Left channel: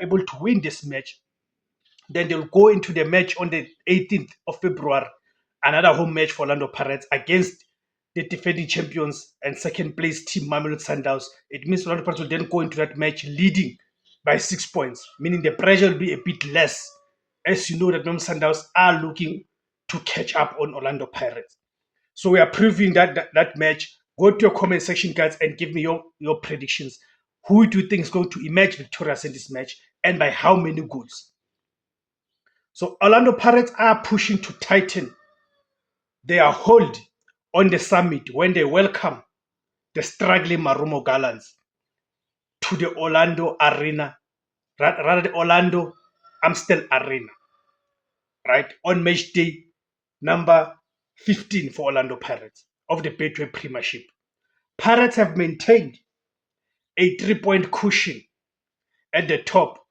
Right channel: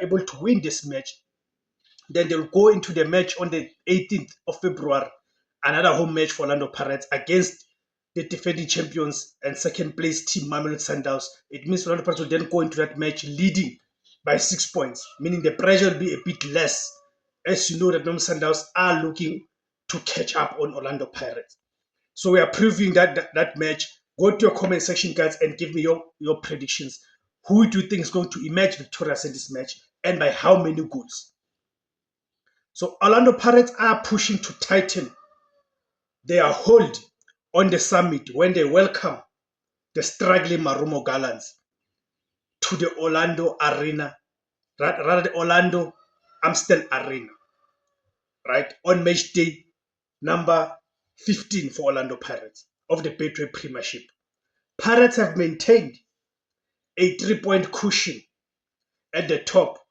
able to win this match, then they'll go into the match on the 18th of February, another home match for Orlando Pirates against the defending champions and second place team Mamelodi Sundowns. It means Orlando Pirates will then go into that match leading by 6 points, meaning the pressure will be a bit less, as you know that Mamelodi Sundowns are looking to catch up on Orlando Pirates. So we are previewing that match. Go to your comment section, guys, and give me your predictions. Who do you think is going to emerge victorious in this match, and by how many goals? So Orlando Pirates are pushing to tighten their hold on the summit when they welcome the struggling Marumo Gallants to the Orlando Arena, rather the Orlando Amstel Arena, right, on match day number 15 for Orlando Pirates of the Betway Premiership. Pirates have maintained a 3-point cushion at the top